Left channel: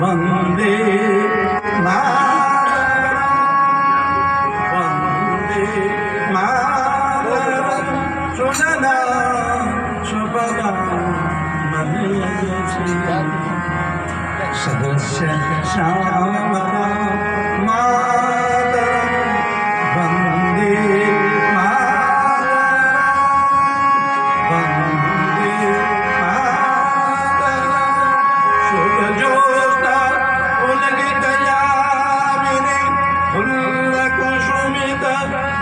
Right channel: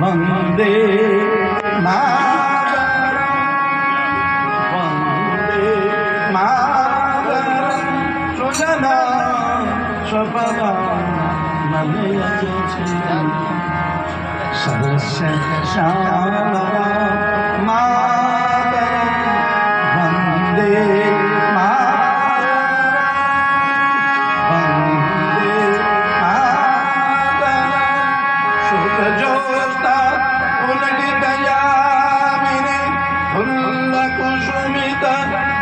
वंदे वंदे मातरम सुजना स्वपदा सदस्य श्यामला मातरम वंदे वंदे मातरम शुकजोष्टा उलगितयामिनी फुल्लकुसुमित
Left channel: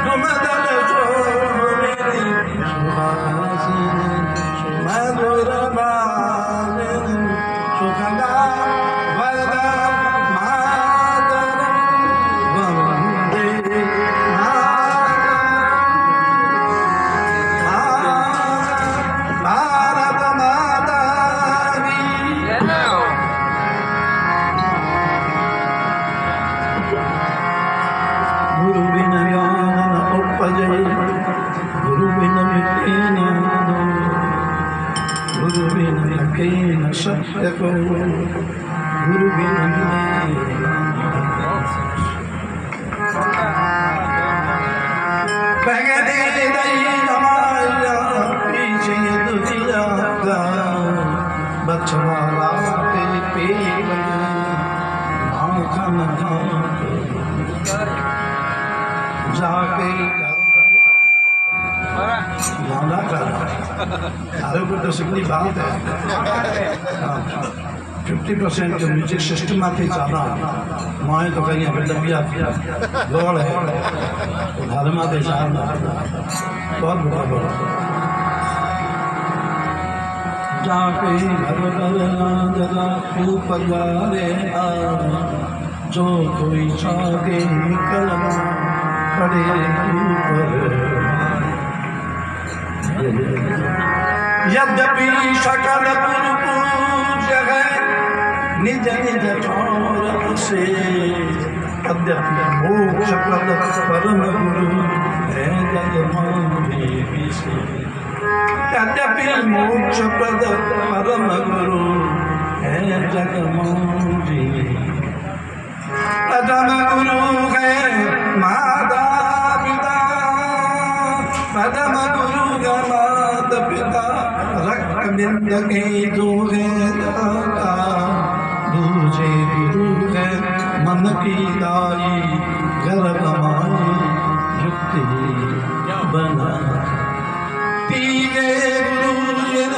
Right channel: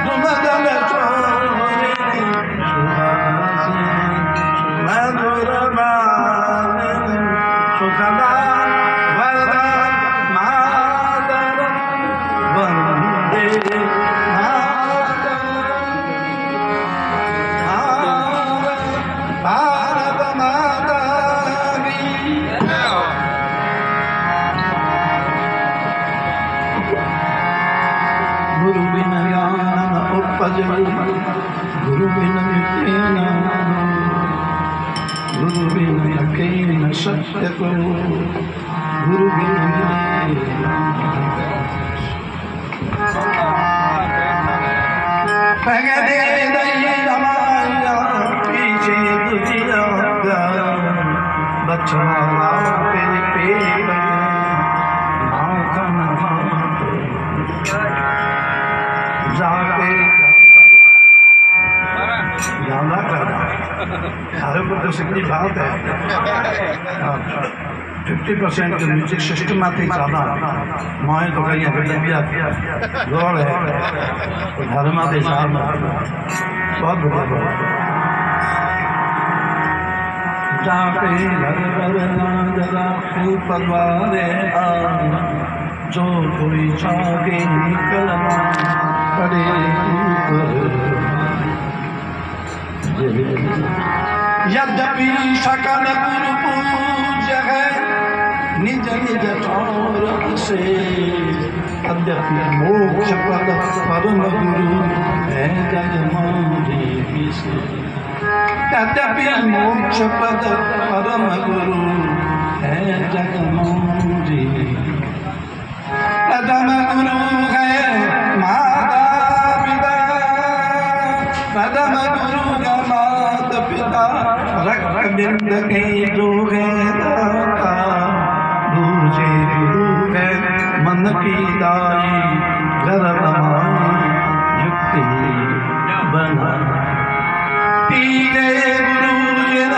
द्रुमदल शोभिनी सुहासिनी सुमधुरभाषिणी सुखदा वरदा मातरम वंदे भारत माता की गुरु बिन ज्ञान न उपजे गुरु बिन मिटे न गुरु बिन लखे न सत्य को गुरु बिन पगड़े दई रमाया पीछे दुनिया का बछड़ा पे पेड़ भाखन जाके याना कर हर को तो सिकनी बात है 50% के म्यूजिक सिस्टम आते ज़्यादा माए तो कहीं अवेलेबिया गौड़ है धर्म आते ज़्यादा बहुत बड़ा बड़ा जाके घर घर ना जगा ऊपर वाले आ जो कोई चाहे कलमा पड़े ऊपर यद्यपि सकल गुरु पूज्य है निज निज चौरत से यद्यपि मोक्ष पद परम गुरु है जगमारी से यद्यपि मोक्ष पद परम गुरु है जगमारी प्रथम गुरु है माता पिता प्रथम गुरु है माता पिता रक्त बिंद के जो है दाता दूजे गुरु है मन की दाई गर्भ माई युक्ति बना तीजे गुरु जिन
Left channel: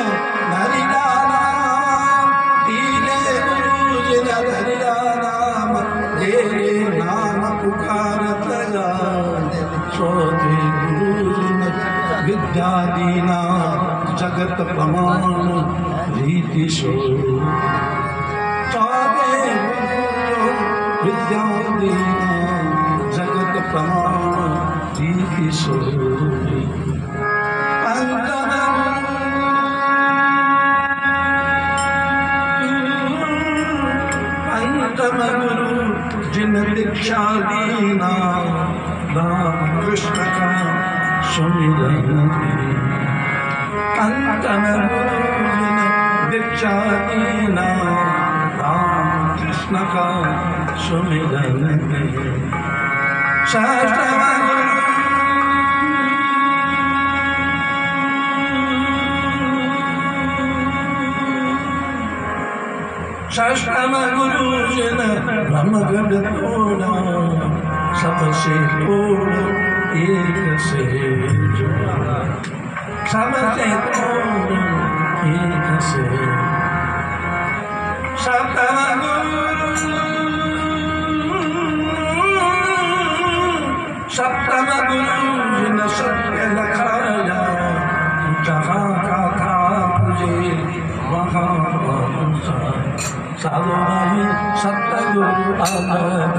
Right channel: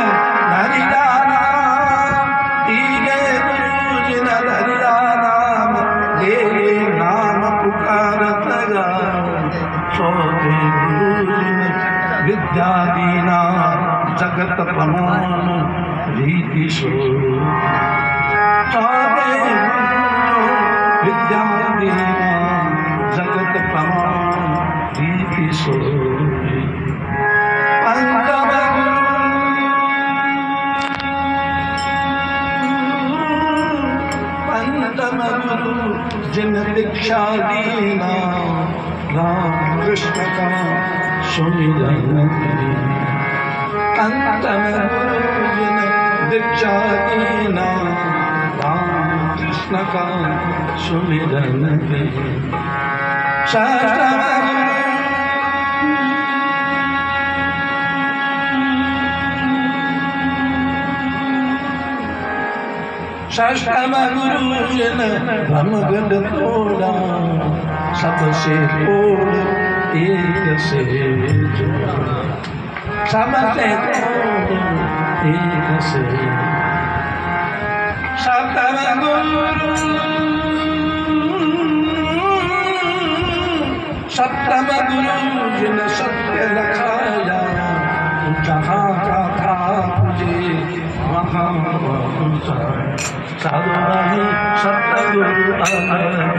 हरिया नाम तीजे गुरु जिन हरिया नाम ले नाम पुकारत गा चौथे गुरु जिन विद्या दीना जगत प्रमाण रीति सो चौथे गुरु विद्या दीना जगत प्रमाण रीति सो पंचम गुरु जिन दीक्षा दीना राम कृष्ण का सुमिरन पंचम गुरु जिन दीक्षा दीना राम कृष्ण का सुमिरन शास्त्रम षष्ठम गुरु जिन ब्रह्मगढ़ तोड़ा सबसे तोड़ एक से जोड़ा सबसे तोड़ एक से सप्तम गुरु जिन सत्य लखाया जहाँ का था तुझे वहाँ पहुँचा सर्वहि सतगुरु अलग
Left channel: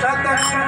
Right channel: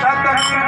Sataku